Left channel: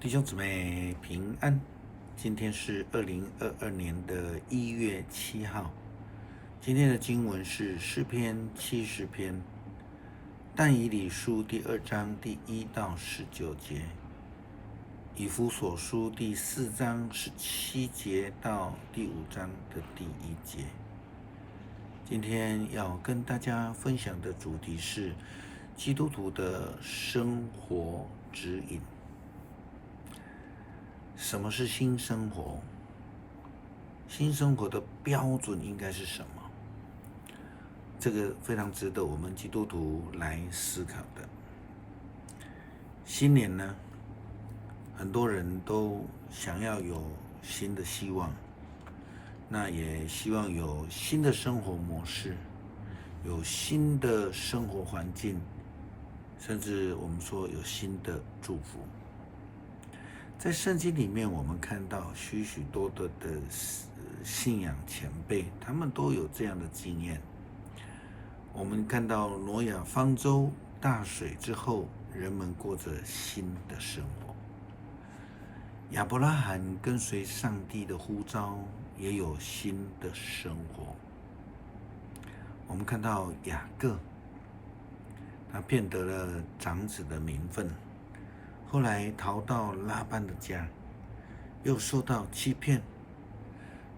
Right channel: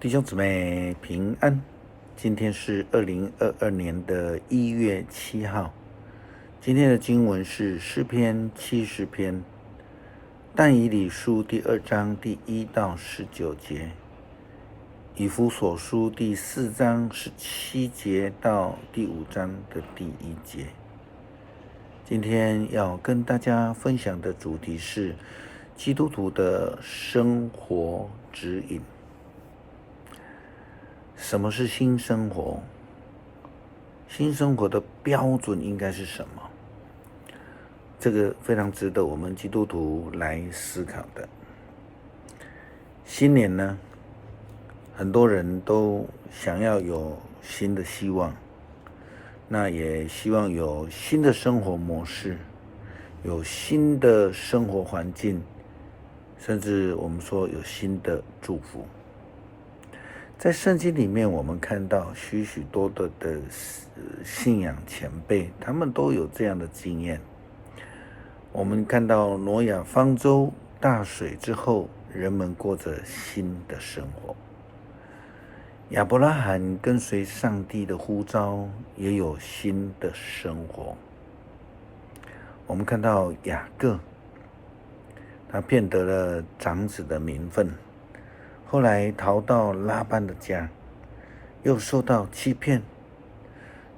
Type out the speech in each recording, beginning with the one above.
弟兄姊妹平安，今天是2022年的1月7号。今天的经文是诗篇70篇，但以理书第2章第1到19节，以弗所书第4章17节到第5章的第1节。今天要跟大家分享的主题是基督徒的生活指引。什么是新生活？新生活的标准应该是什么？这个非常值得我们基督徒来思考的。新年呢，很多人都想要有新的希望，那也希望有新的生活模式，有新的生活环境，甚至我们说有新的祝福。在圣经里面，我们看到许许多多的信仰前辈，他们都有这样的经验。我们看到挪亚方舟大水之后，人们过着新的生活。亚伯拉罕跟随上帝的呼召，也有新的生活。我们看到雅各，他骗得了长子的名分，后来逃到拉班的家，又受到欺骗，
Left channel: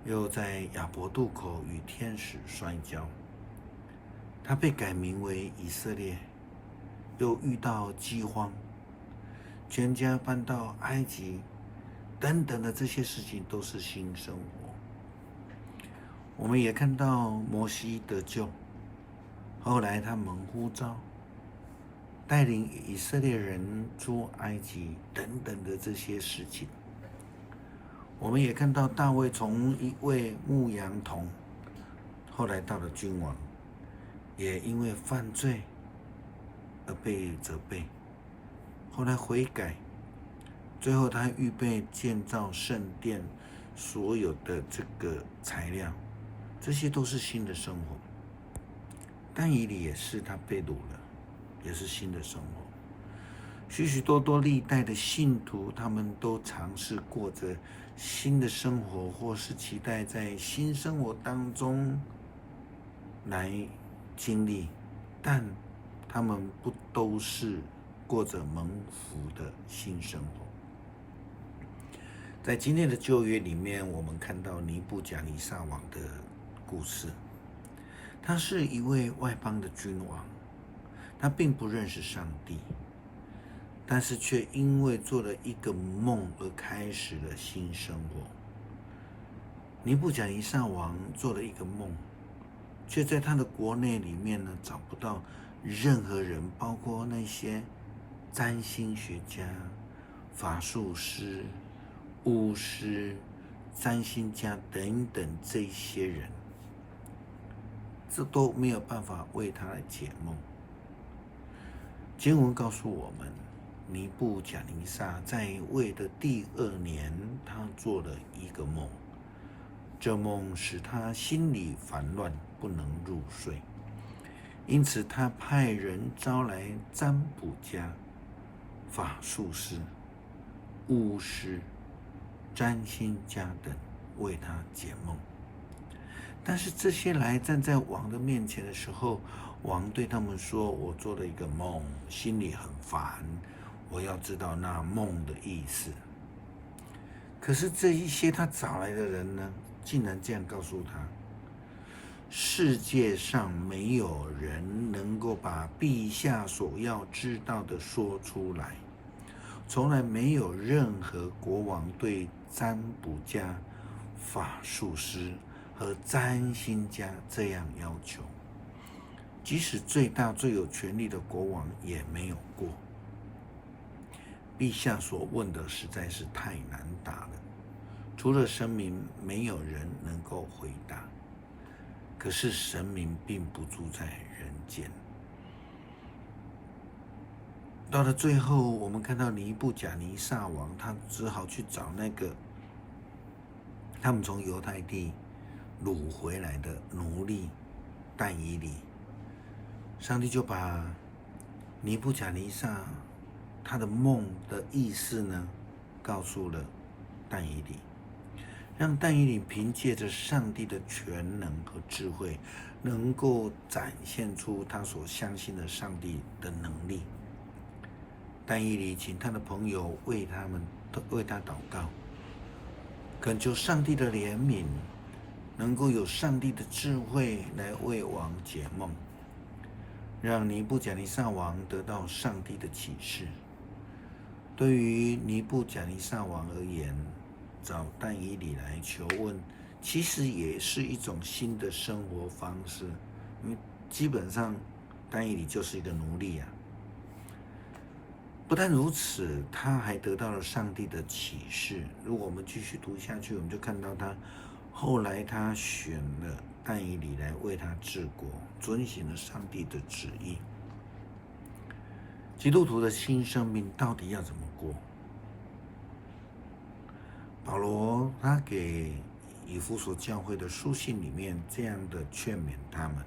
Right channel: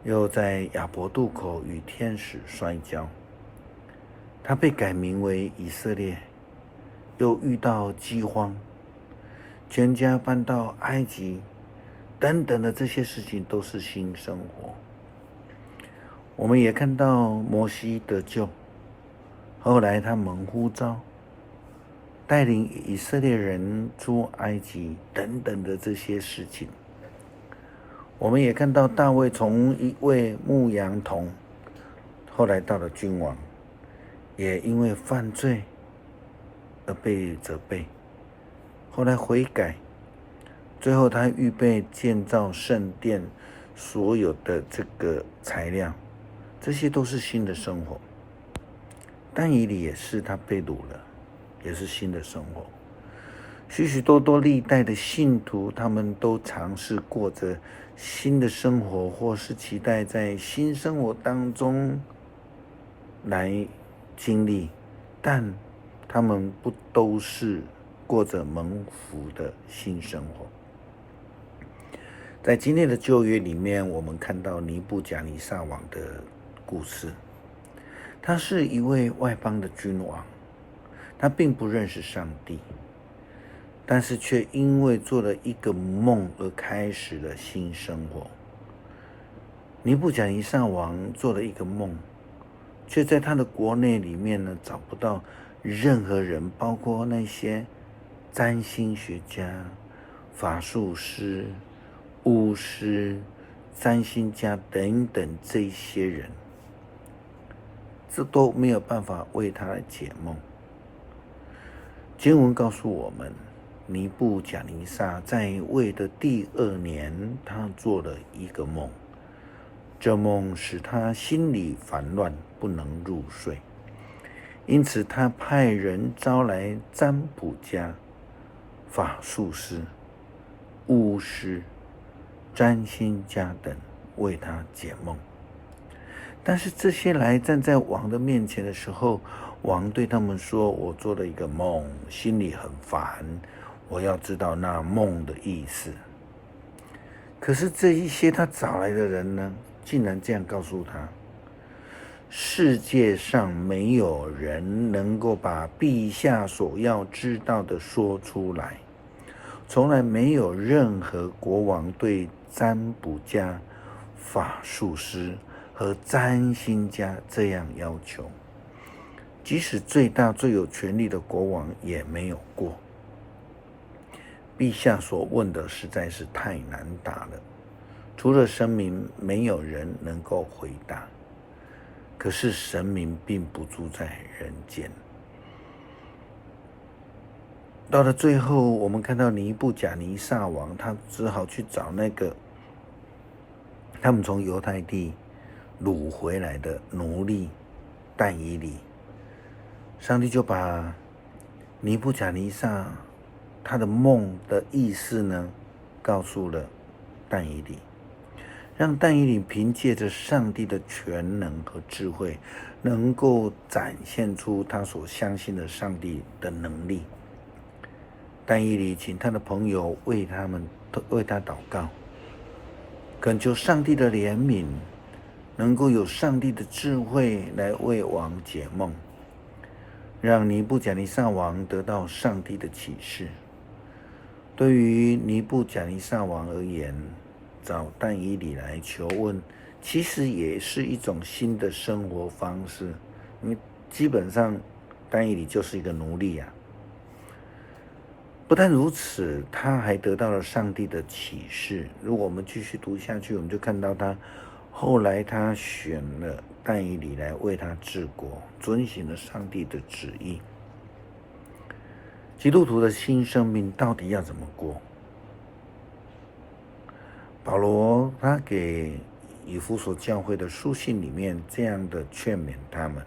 又在雅博渡口与天使摔跤。他被改名为以色列，又遇到饥荒，全家搬到埃及，等等的这些事情都是新生活。我们也看到摩西得救，后来他蒙呼召，带领以色列人出埃及等等的这些事情。我们也看到大卫从一位牧羊童，后来到了君王，也因为犯罪而被责备，后来悔改，最后他预备建造圣殿所有的这个材料，这些都是新的生活。但以理也是，他被掳了，也是新的生活。许许多多历代的信徒，他们都尝试过着新的生活，或是期待在新生活当中来经历，但他们不都是过着蒙福的新生活。在今天的旧约里面，我们看到尼布甲尼撒王的故事。他是一位外邦的君王，他并不认识上帝，但是却因为做了一个梦而开始了新生活。尼布甲尼撒王做了一个梦，却在他的国内里面呢，找不到任何人，包括那些占星学家、法术师、巫师、占星家等等这些人，这都没有办法为他来解梦。经文告诉我们，尼布甲尼撒在位的第2年，他做了一个梦，这梦使他心里烦乱，不能入睡。因此他派人招来占卜家、法术师、巫师、占星家等为他解梦。但是这些来站在王的面前的时候，王对他们说，我做了一个梦，心里很烦，我要知道那梦的意思。可是这一些他找来的人呢，竟然这样告诉他，世界上没有人能够把陛下所要知道的说出来，从来没有任何国王对占卜家、法术师和占星家这样要求，即使最大最有权力的国王也没有过。陛下所问的实在是太难答了，除了神明，没有人能够回答。可是神明并不住在人间。到了最后，我们看到尼布甲尼撒王，他只好去找那个他们从犹太地掳回来的奴隶但以理。上帝就把尼布甲尼撒他的梦的意思呢告诉了但以理，让但以理凭借着上帝的全能和智慧，能够展现出他所相信的上帝的能力。但以理请他的朋友为他祷告，恳求上帝的怜悯，能够有上帝的智慧来为王解梦，让尼布甲尼撒王得到上帝的启示。对于尼布甲尼撒王而言，找但以理来求问，其实也是一种新的生活方式，因为基本上但以理就是一个奴隶啊。不但如此，他还得到了上帝的启示。如果我们继续读下去，我们就看到后来他选了但以理来为他治国，遵行了上帝的旨意。基督徒的新生命到底要怎么过？保罗他给以弗所教会的书信里面这样的劝勉他们，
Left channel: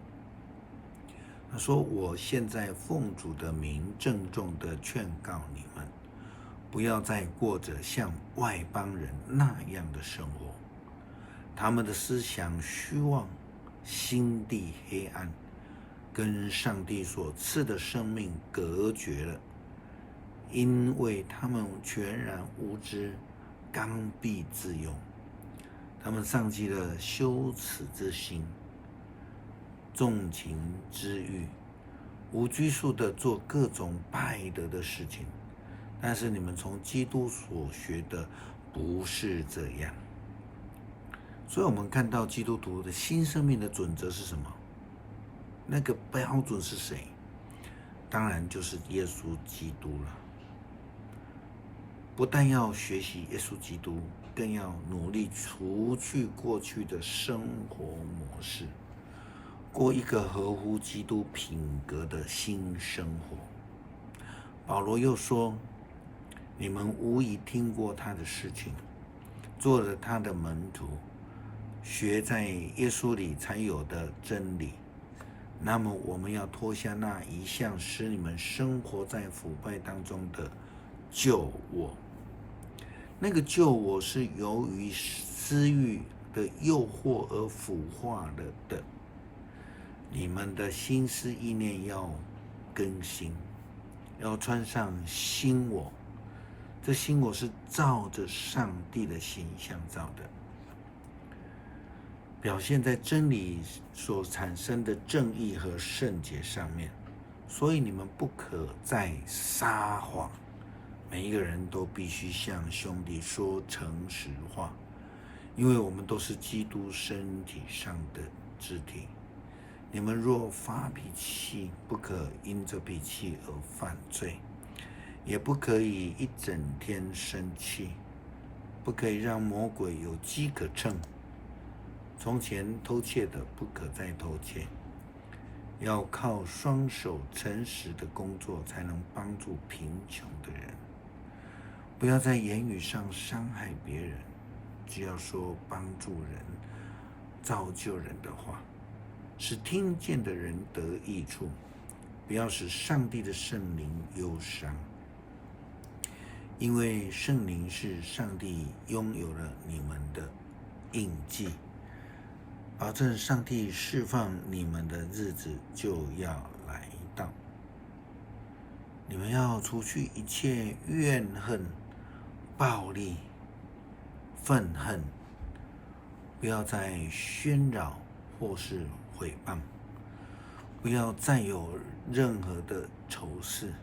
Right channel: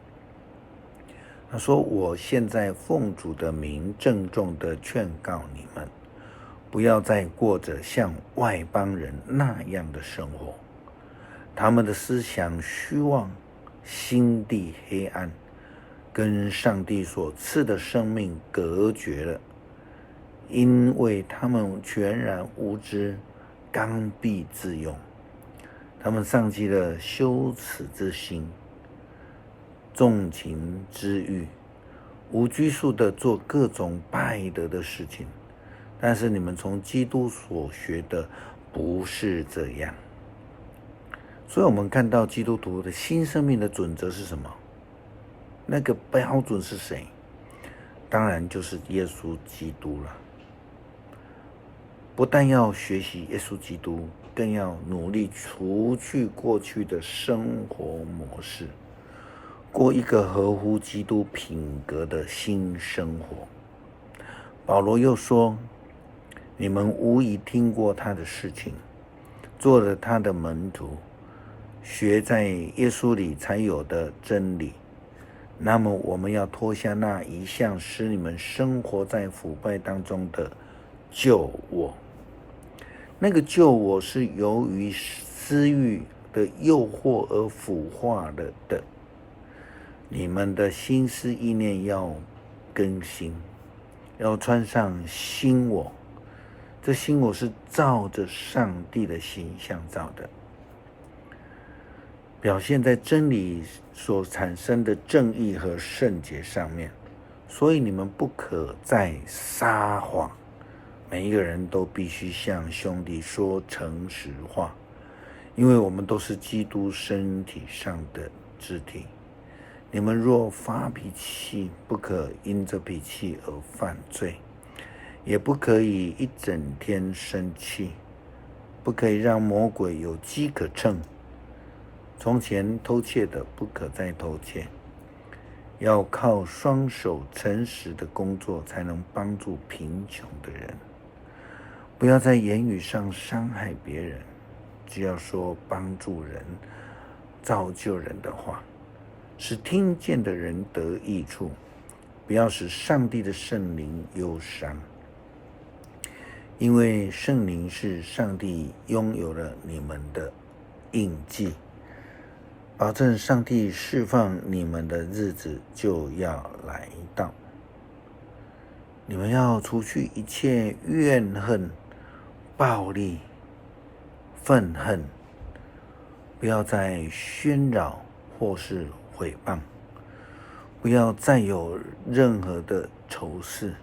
他说：我现在奉主的名郑重的劝告你们，不要再过着像外邦人那样的生活。他们的思想虚妄，心地黑暗，跟上帝所赐的生命隔绝了，因为他们全然无知，刚愎自用。他们丧弃了羞耻之心，纵情之欲，无拘束地做各种败德的事情。但是你们从基督所学的不是这样。所以我们看到基督徒的新生命的准则是什么？那个标准是谁？当然就是耶稣基督了。不但要学习耶稣基督，更要努力除去过去的生活模式，过一个合乎基督品格的新生活。保罗又说，你们无疑听过他的事情，做了他的门徒，学在耶稣里才有的真理。那么我们要脱下那一向使你们生活在腐败当中的旧我。那个旧我是由于私欲的诱惑而腐化了的。你们的心思意念要更新，要穿上新我。这新我是照着上帝的形象造的，表现在真理所产生的正义和圣洁上面。所以你们不可再撒谎，每一个人都必须向兄弟说诚实话，因为我们都是基督身体上的肢体。你们若发脾气，不可因着脾气而犯罪，也不可以一整天生气，不可以让魔鬼有机可乘。从前偷窃的，不可再偷窃，要靠双手诚实的工作，才能帮助贫穷的人。不要在言语上伤害别人，只要说帮助人、造就人的话，使听见的人得益处，不要使上帝的圣灵忧伤。因为圣灵是上帝拥有了你们的印记，保证上帝释放你们的日子就要来到。你们要除去一切怨恨、暴力、愤恨，不要再喧扰或是毁谤，不要再有任何的仇视，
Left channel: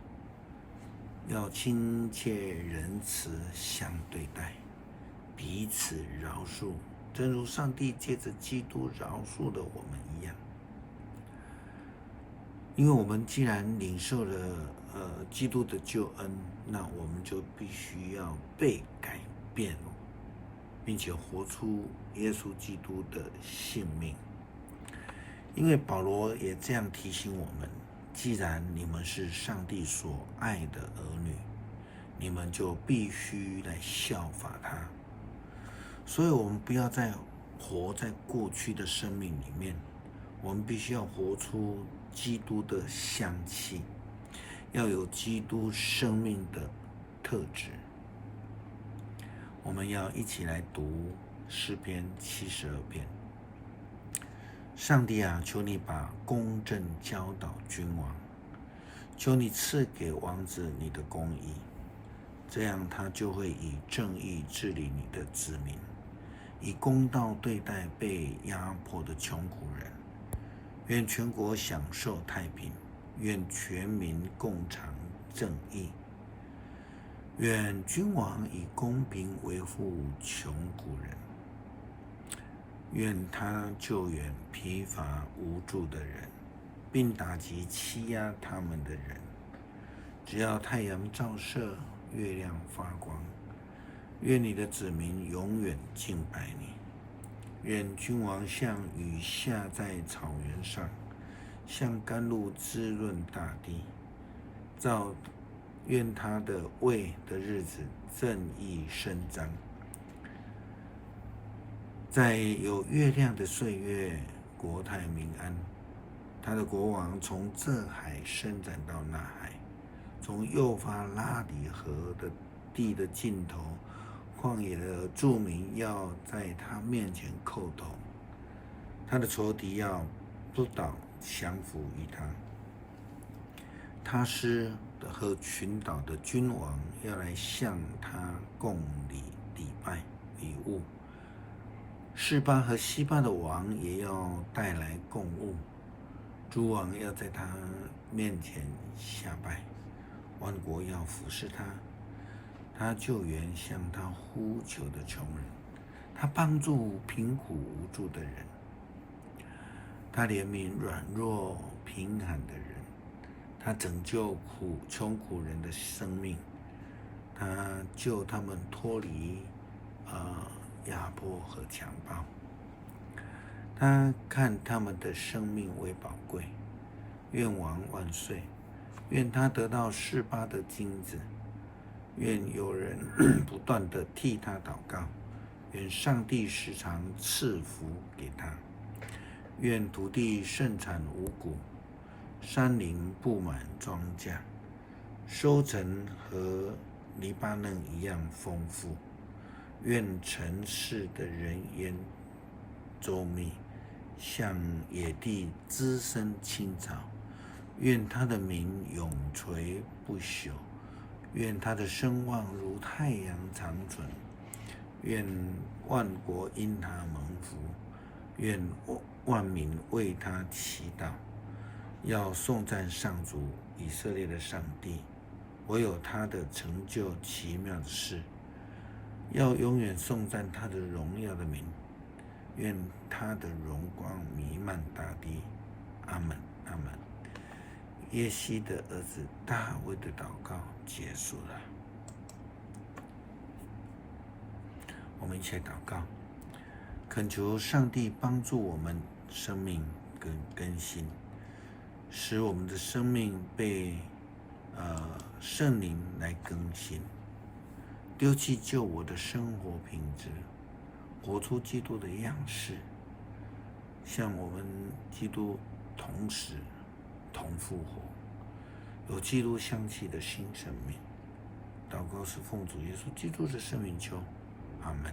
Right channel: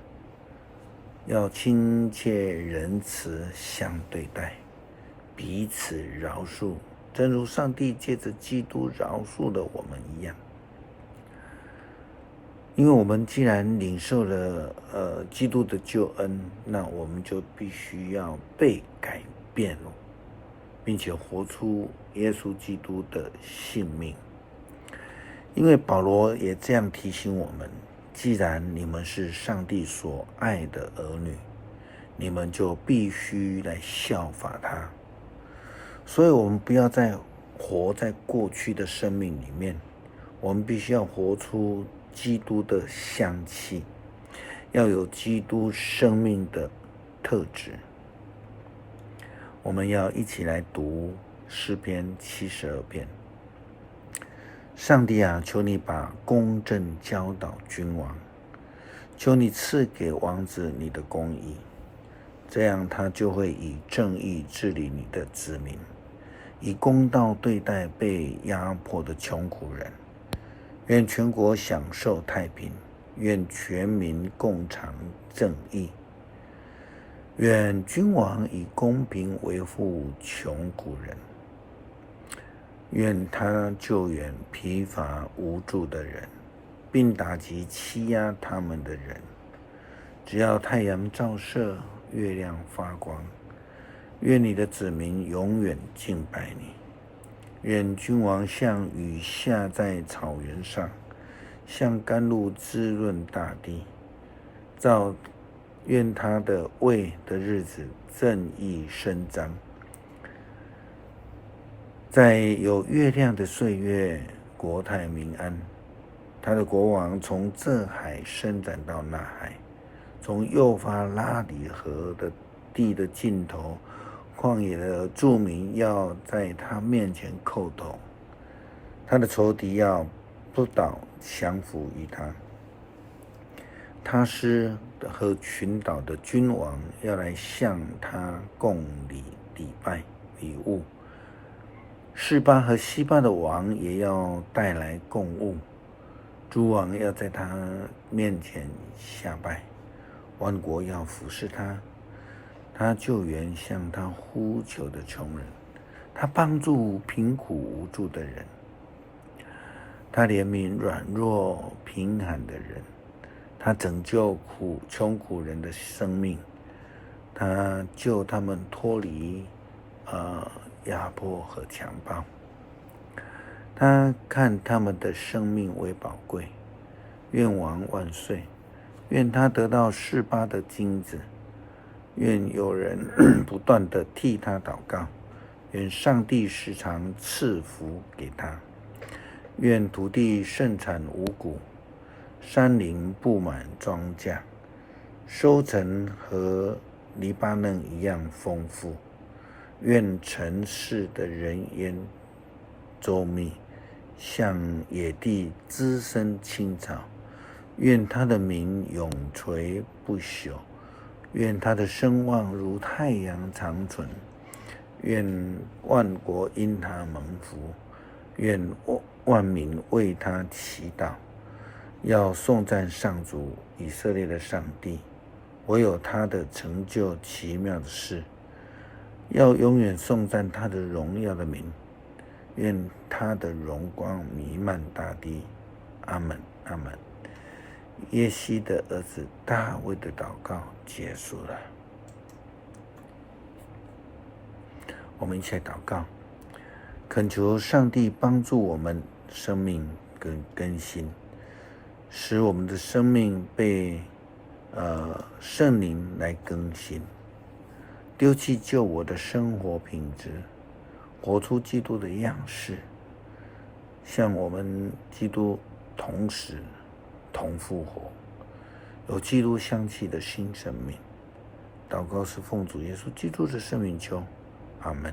要亲切仁慈相对待，彼此饶恕，正如上帝借着基督饶恕了我们一样。因为我们既然领受了基督的救恩，那我们就必须要被改变，并且活出耶稣基督的性命。因为保罗也这样提醒我们，既然你们是上帝所爱的儿女，你们就必须来效法他。所以我们不要再活在过去的生命里面，我们必须要活出基督的香气，要有基督生命的特质。我们要一起来读诗篇72篇。上帝啊，求你把公正教导君王，求你赐给王子你的公义，这样他就会以正义治理你的子民，以公道对待被压迫的穷苦人。愿全国享受太平，愿全民共尝正义。愿君王以公平维护穷苦人，愿他救援疲乏无助的人，并打击欺压他们的人。只要太阳照射，月亮发光，愿你的子民永远敬拜你。愿君王像雨下在草原上，像甘露滋润大地。愿他的位的日子正义伸张，在有月亮的岁月，国泰民安。他的国王从这海伸展到那海，从幼发拉底河的地的尽头，旷野的住民要在他面前叩头，他的仇敌要不倒降服于他。他施和群岛的君王要来向他供礼拜礼物，示巴和西巴的王也要带来供物，诸王要在他面前下拜，万国要服侍他。他救援向他呼求的穷人，他帮助贫苦无助的人，他怜悯软弱贫寒的人，他拯救穷苦人的生命，他救他们脱离压迫和强暴。他看他们的生命为宝贵。愿王万岁！愿他得到示巴的金子。愿有人不断地替他祷告。愿上帝时常赐福给他。愿土地盛产五谷，山林布满庄稼，收成和黎巴嫩一样丰富。愿城市的人烟周密，像野地滋生青草。愿他的名永垂不朽，愿他的声望如太阳长存。愿万国因他蒙福，愿万民为他祈祷。要颂赞上主以色列的上帝，唯有他的成就奇妙的事。要永远颂赞他的荣耀的名，愿他的荣光弥漫大地。阿们，阿们。耶西的儿子大卫的祷告结束了。我们一起来祷告，恳求上帝帮助我们生命更新，使我们的生命被圣灵来更新，丢弃旧我的生活品质，活出基督的样式，像我们基督同时同复活，有基督香气的新生命。祷告是奉主耶稣基督的圣名求，阿们。